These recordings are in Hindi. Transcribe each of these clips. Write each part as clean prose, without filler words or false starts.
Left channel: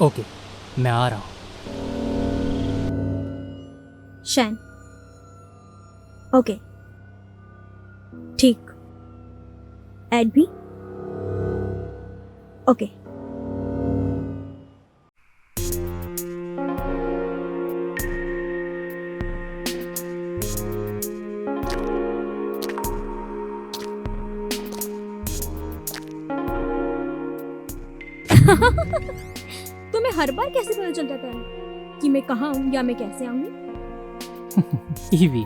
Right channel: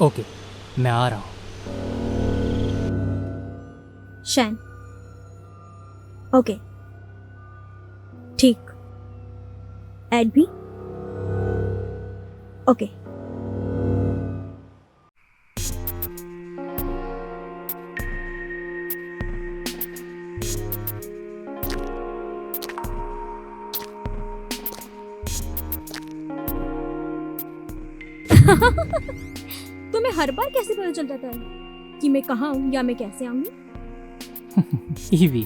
ओके, मैं आ रहा हूँ। शैन। ओके, ठीक। एड भी। ओके। तुम्हें हर बार कैसे पता चल जाता है कि मैं कहाँ हूँ या मैं कैसे आऊंगी? ईवी,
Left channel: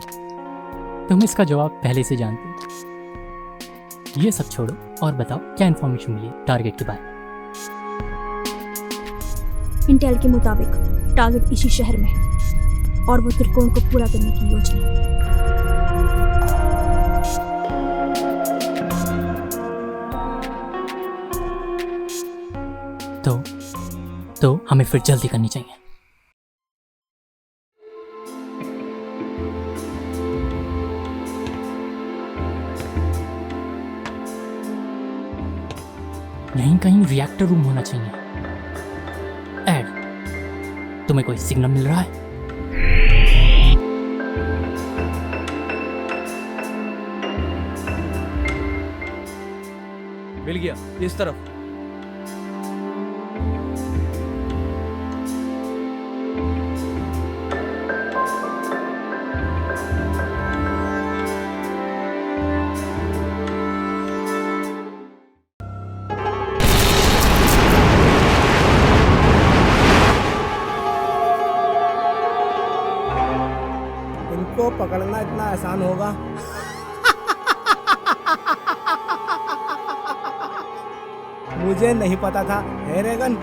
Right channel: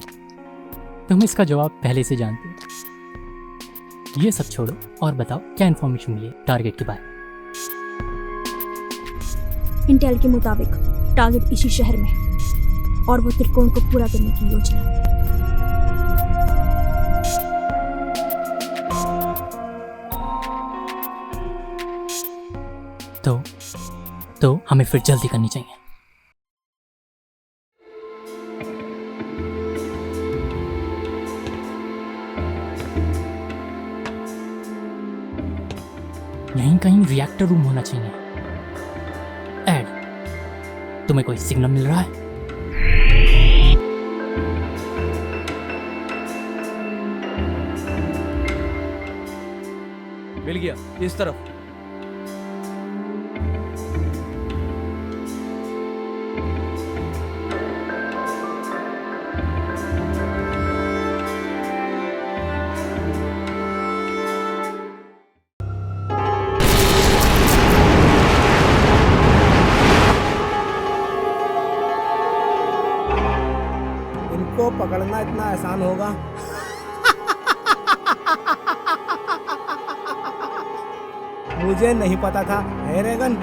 तुम इसका जवाब पहले से जानते हो। ये सब छोड़ो और बताओ क्या इन्फॉर्मेशन मिली टारगेट के बारे में। इंटेल के मुताबिक टारगेट इसी शहर में है और वो त्रिकोण को पूरा करने की योजना है। तो हमें फिर जल्दी करनी चाहिए। यहीं कहीं रिएक्टर रूम होना चाहिए। एड, तुम्हें कोई सिग्नल मिल रहा है? मिल गया, इस तरफ। इनको पकड़ना इतना आसान होगा? मुझे नहीं पता था। है रेगन?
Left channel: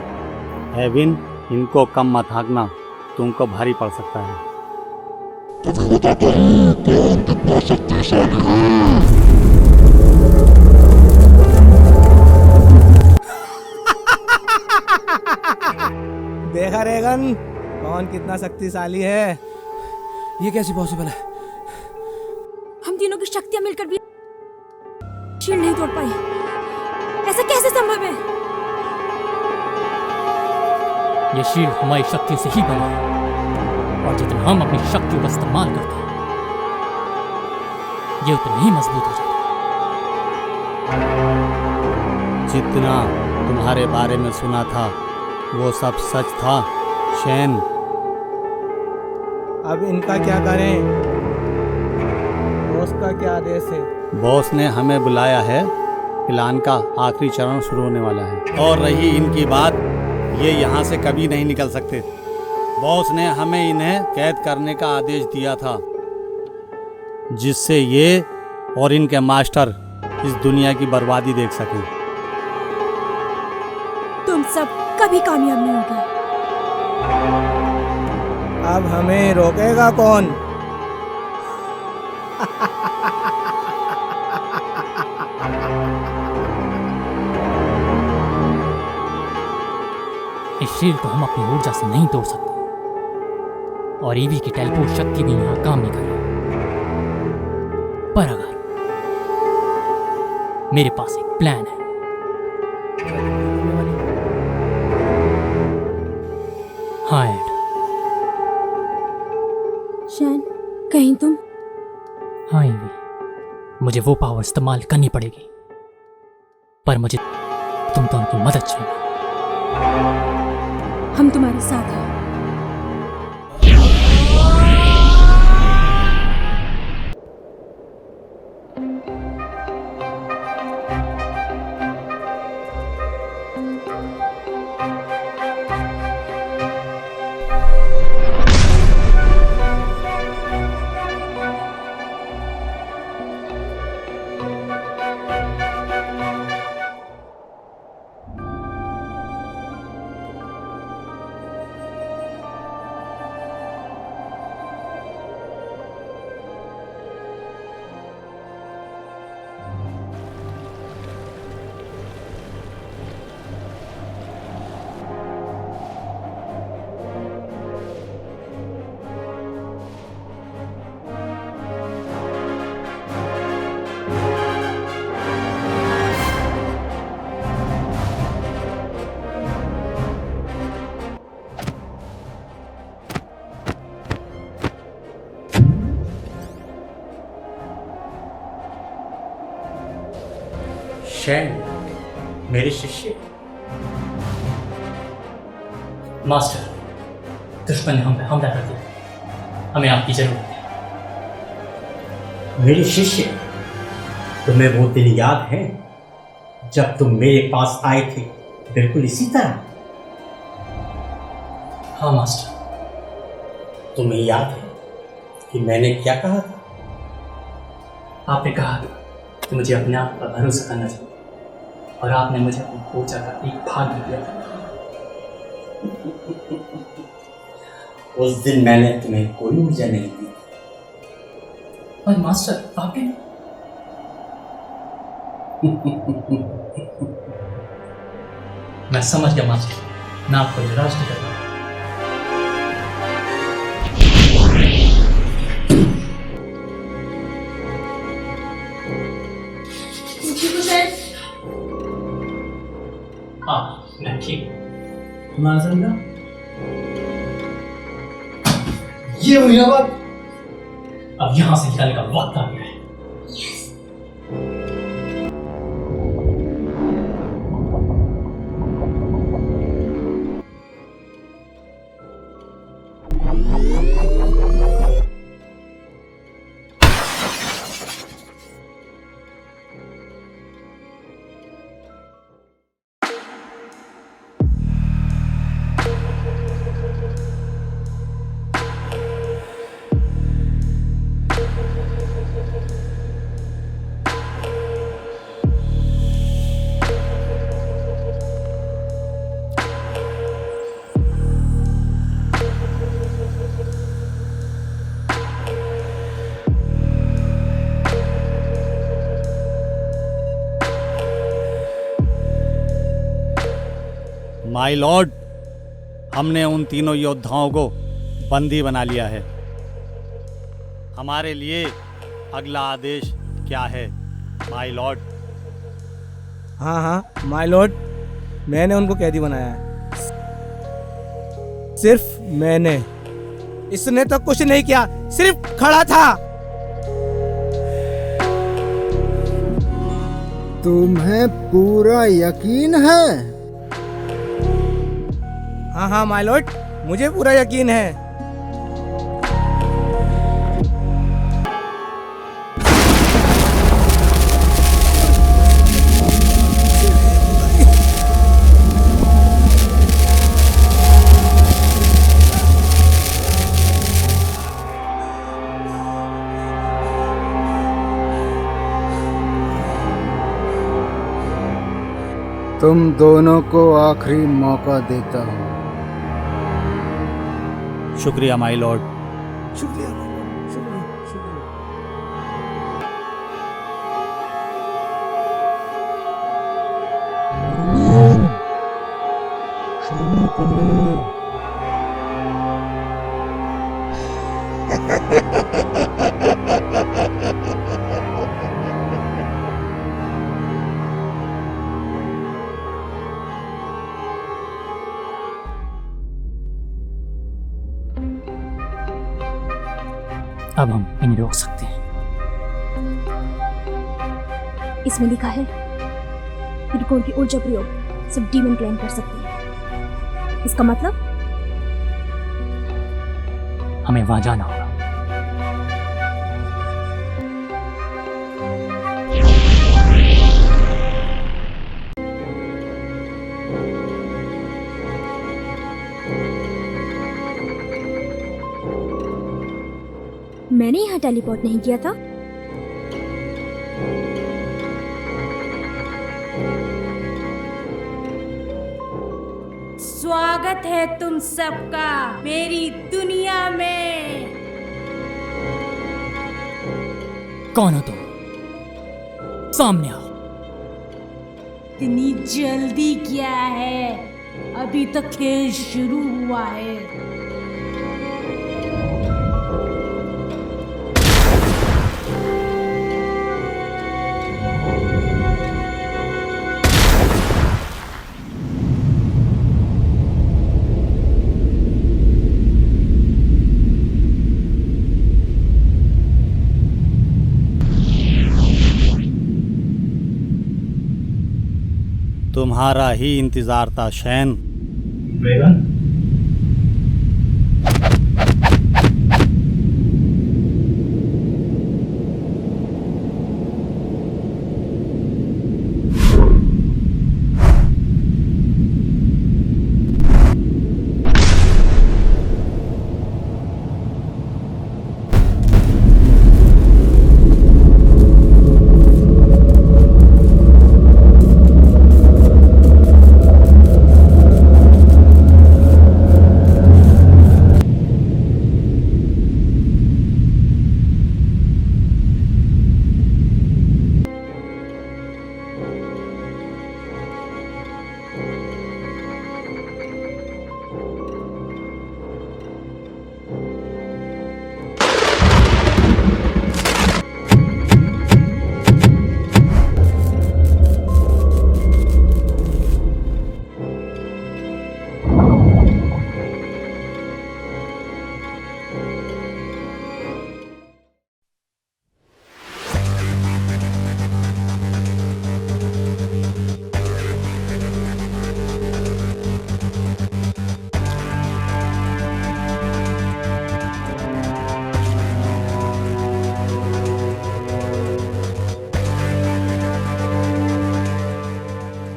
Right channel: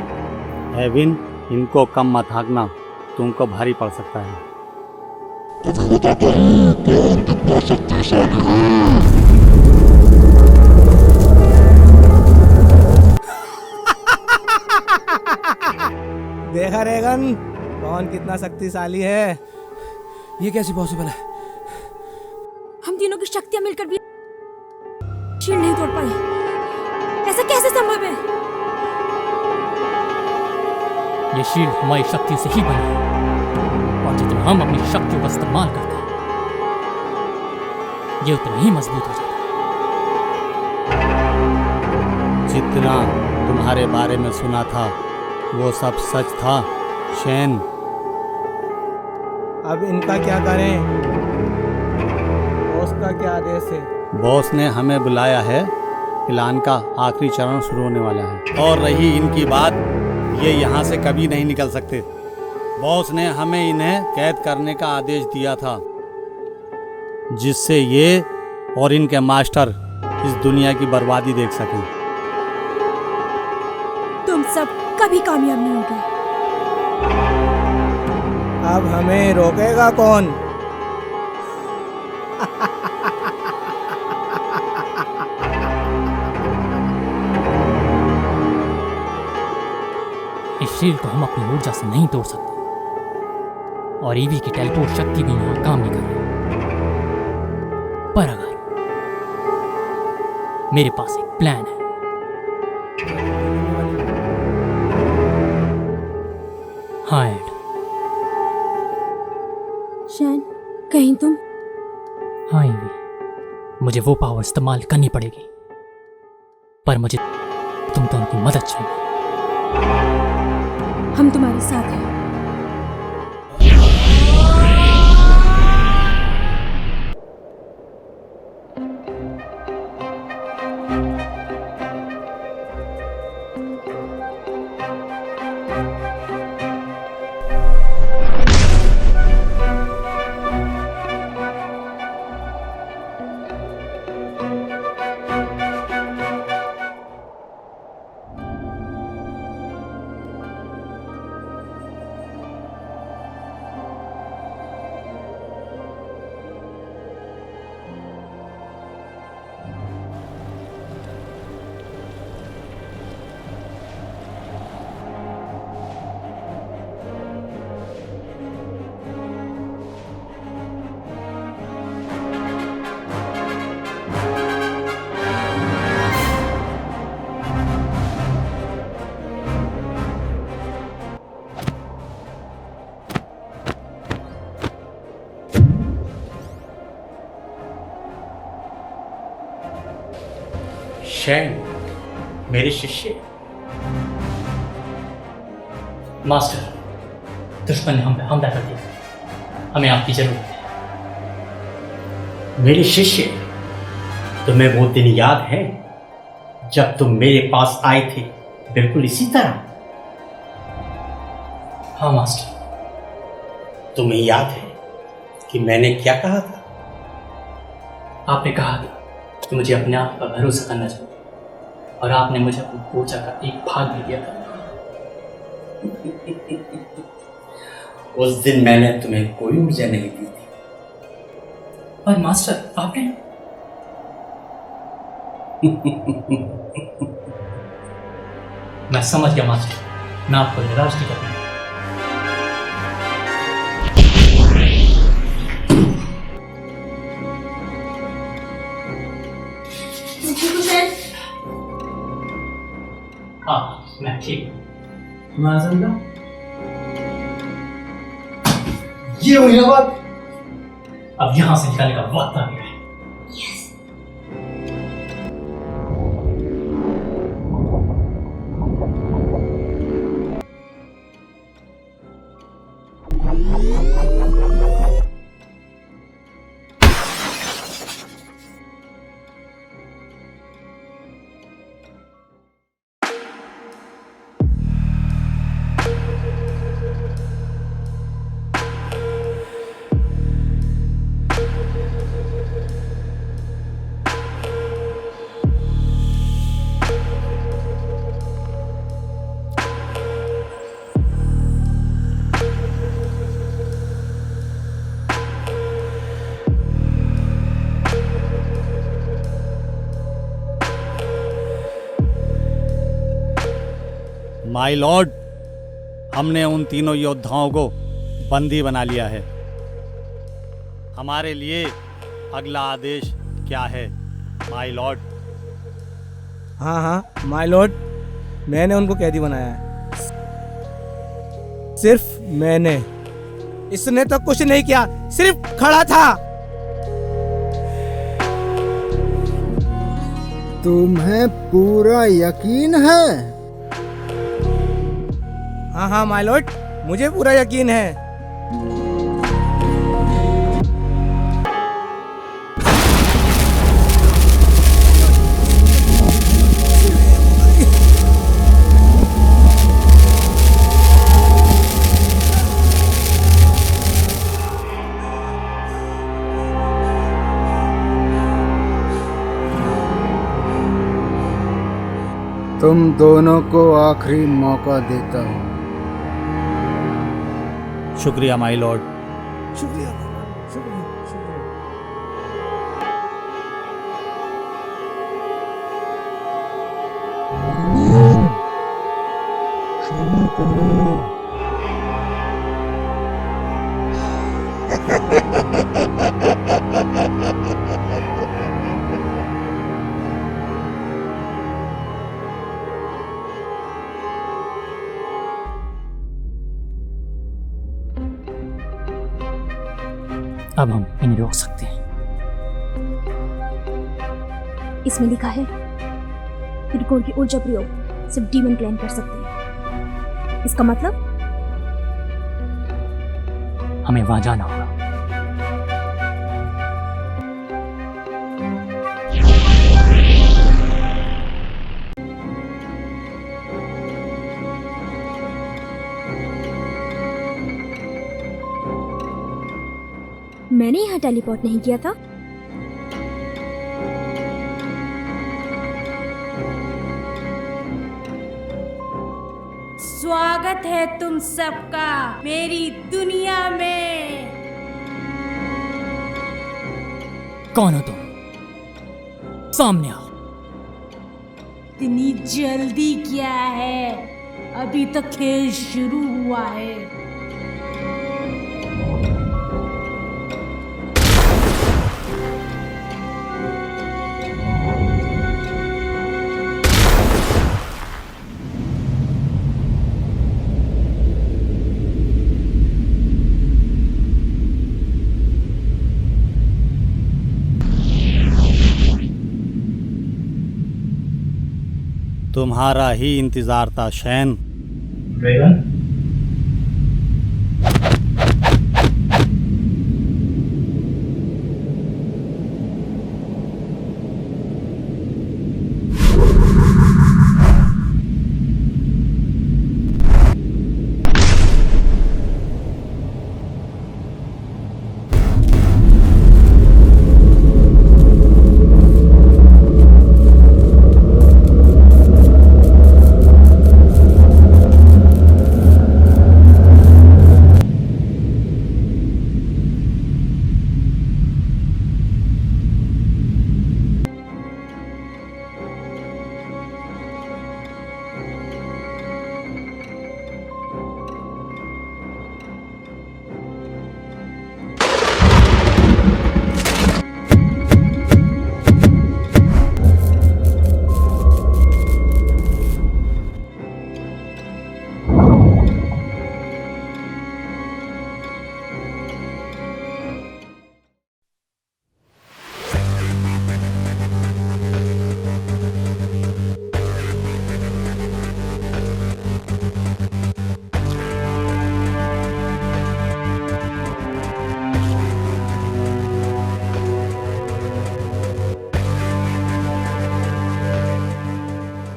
एविन, इनको कम मत हाँकना, तुमको भारी पड़ सकता है। देखा रेगन, कौन कितना शक्तिशाली है? ये कैसे पॉसिबल है? हम तीनों की शक्तियां मिलकर भी शील्ड नहीं तोड़ पाई। ऐसा कैसे संभव है? ये शील्ड हमारी शक्तियों से ही बना है और जितना हम अपनी शक्तियों का इस्तेमाल करते हैं ये उतना ही मजबूत हो जाता है। जितना तुम्हारे बारे में सुना था वो सब सच था, शैन। अब इनका क्या करें? बॉस का क्या आदेश है? बॉस ने हमें बुलाया है, प्लान का आखिरी चरण शुरू होने वाला है। और रही इनकी बात, ये यहाँ से कभी नहीं निकल सकते। बॉस ने हमें इन्हें कैद करने का आदेश दिया था, जिससे ये और इनके मास्टर इस दुनिया की बर्बादी देख सकें। तुम सब कभी कामयाब नहीं होगे। अब हमें रोकेगा कौन? इस शील्ड को हम अपनी ऊर्जा से नहीं तोड़ सकते और ईवी की टेलीपोर्ट शक्ति भी यहाँ काम नहीं कर रही। पर अगर मेरे पास एक प्लान है। हाँ एड। शैन, कहीं तुम? हाँ ईवी, मुझे वो पावर इस्तेमाल करनी पड़ेगी, पर मुझे तुम दोनों की मदद चाहिए। हम तुम्हारे साथ हैं। चैन मेरे शिष्य। मास्टर, दुश्मन ने हम पे हमला कर दिया। हमें आपकी जरूरत है। मेरे शिष्य, तुम्हें वो दिन याद है जब तुम मेरे पास आए थे, बिल्कुल इसी तरह? हाँ मास्टर। तुम्हें याद है कि मैंने क्या कहा था? आपने कहा था कि मुझे अपने आप पर भरोसा करना चाहिए, और आपने मुझे अपनी ऊर्जा का एक भाग भी दिया था। उस दिन मैंने तुम्हें कोई ऊर्जा नहीं दी थी। पर मास्टर, आपने मैं समझ गया मास्टर, मैं आपको निराश नहीं करूंगा। हाँ, मैं ठीक हूँ। तुम्हारा समझा? ये हुई ना बात। अब यहां से निकलने का वक्त आ गया है। माय लॉर्ड, हमने उन तीनों योद्धाओं को बंदी बना लिया है। हमारे लिए अगला आदेश क्या है माय लॉर्ड? हाँ हाँ माय लॉर्ड, मैंने उनको कैदी बनाया है। सिर्फ मैंने। इसने तो कुछ नहीं किया, सिर्फ खड़ा था। तुम्हें पूरा यकीन है? हाँ हाँ माय लॉर्ड, मुझे पूरा यकीन है। तुम दोनों को आखिरी मौका देता हूँ। शुक्रिया माय लॉर्ड। शुक्रिया माय लॉर्ड, शुक्रिया शुक्रिया। अब हम इन्हें रोक सकते हैं। इसमें लिखा है त्रिकोण की ऊर्जा प्रयोग सिर्फ डीमन क्लैन कर सकते हैं। इसका मतलब हमें वहां जाना होगा। मैंने यहाँ टेलीपोर्ट नहीं किया था। स्वागत है तुम सबका मेरी दुनिया में। कौन हो तुम? सामने आओ। इतनी जल्दी क्या है, अभी तो खेल शुरू हुआ है। तुम्हारा ही इंतजार था शैन। बेगम,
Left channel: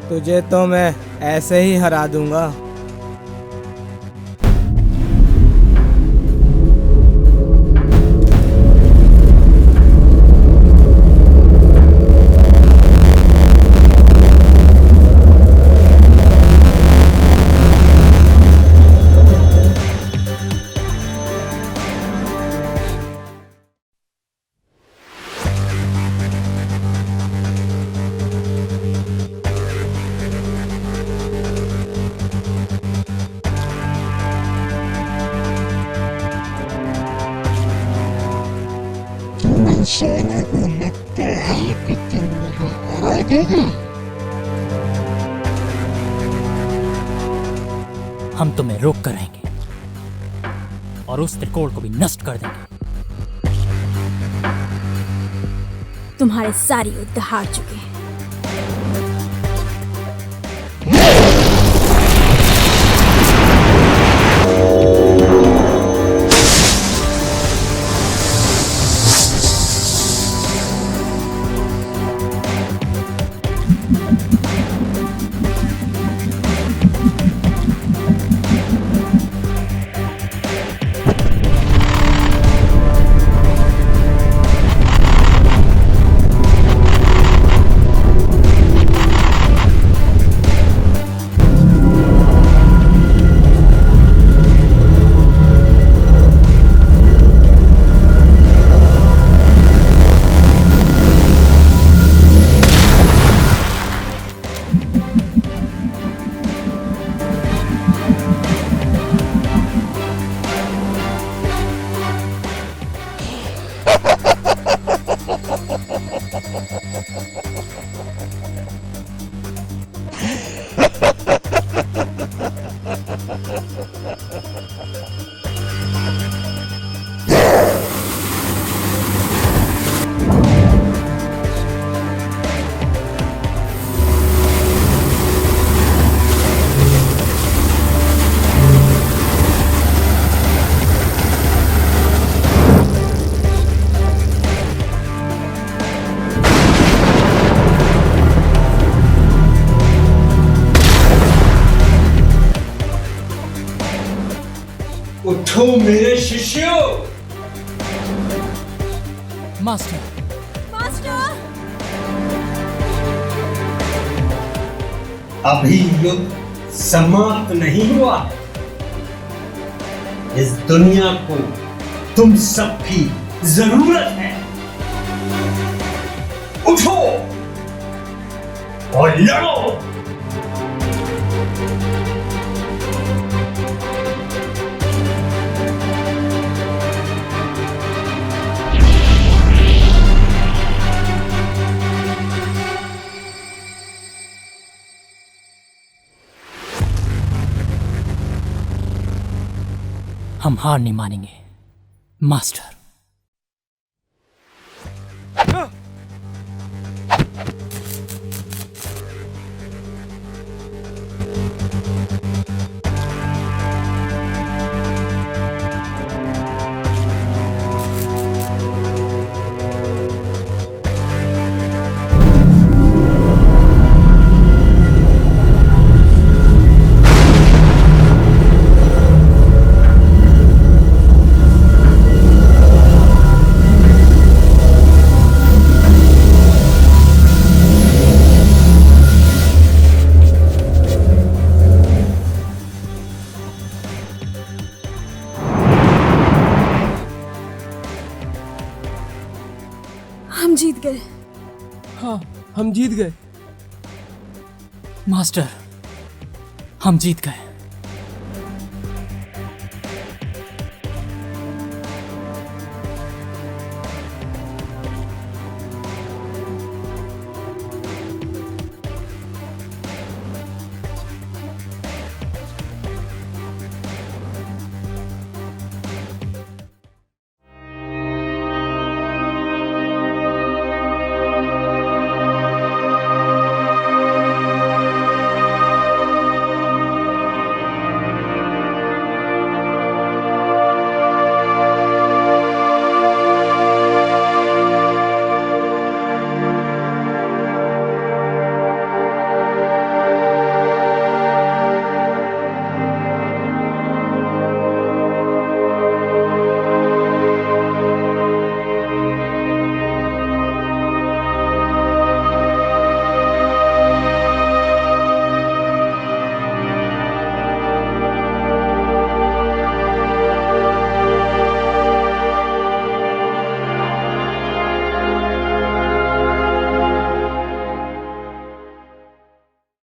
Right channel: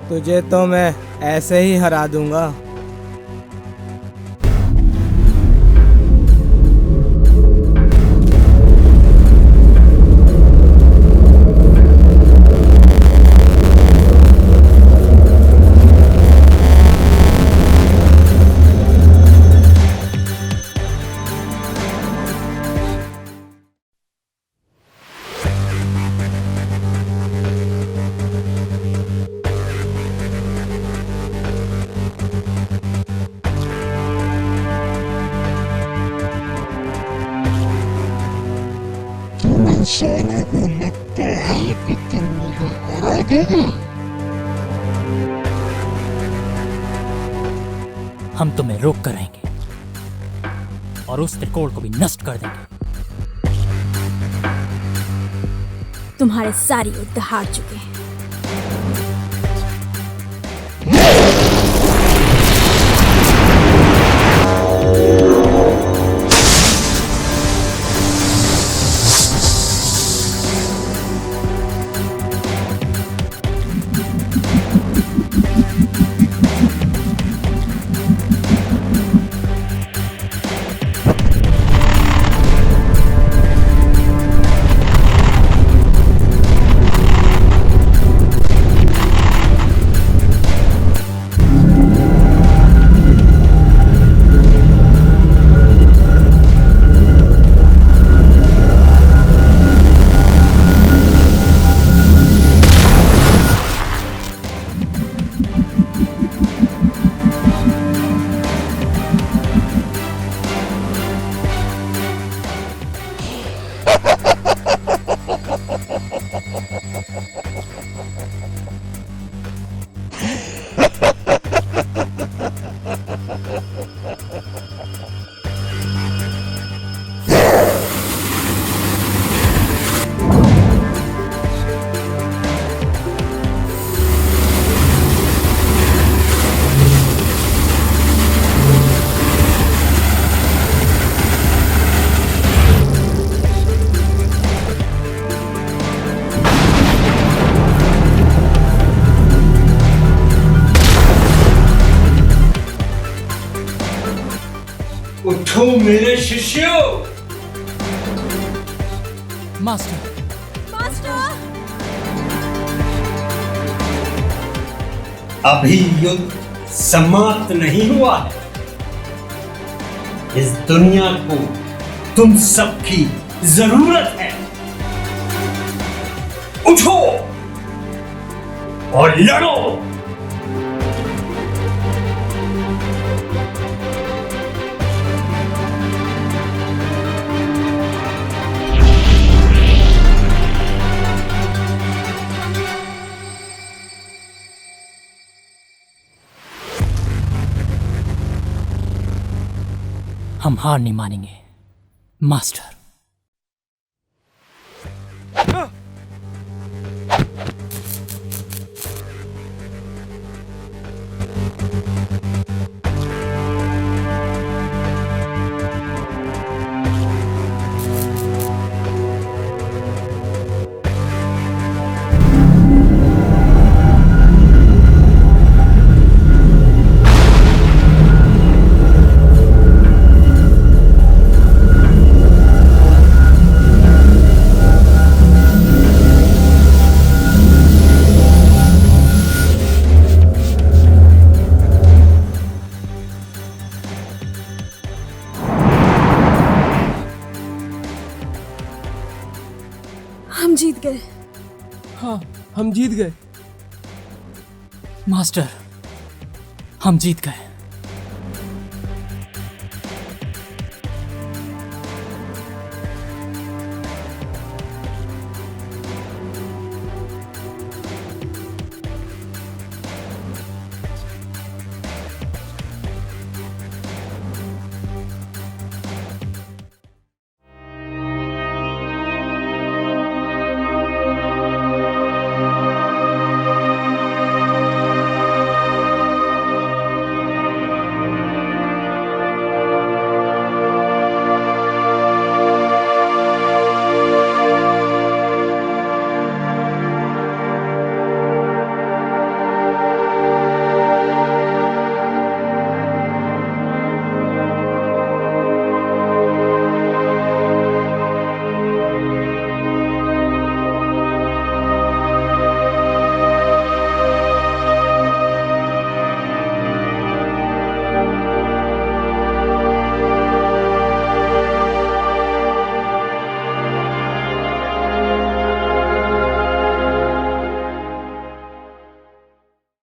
तुझे तो मैं ऐसे ही हरा दूंगा। हम तुम्हें रोक कर रहेंगे और उस त्रिकोण को भी नष्ट कर देंगे। तुम्हारे सारे युद्ध हार चुके हैं। उठो मेरे शिष्यों। Master, master! अभी युद्ध समाप्त नहीं हुआ है। इस दुनिया को तुम सबकी जरूरत है। उठो और लड़ो। हम हार नहीं मानेंगे मास्टर। हम जीत गए। मास्टर, हम जीत गए।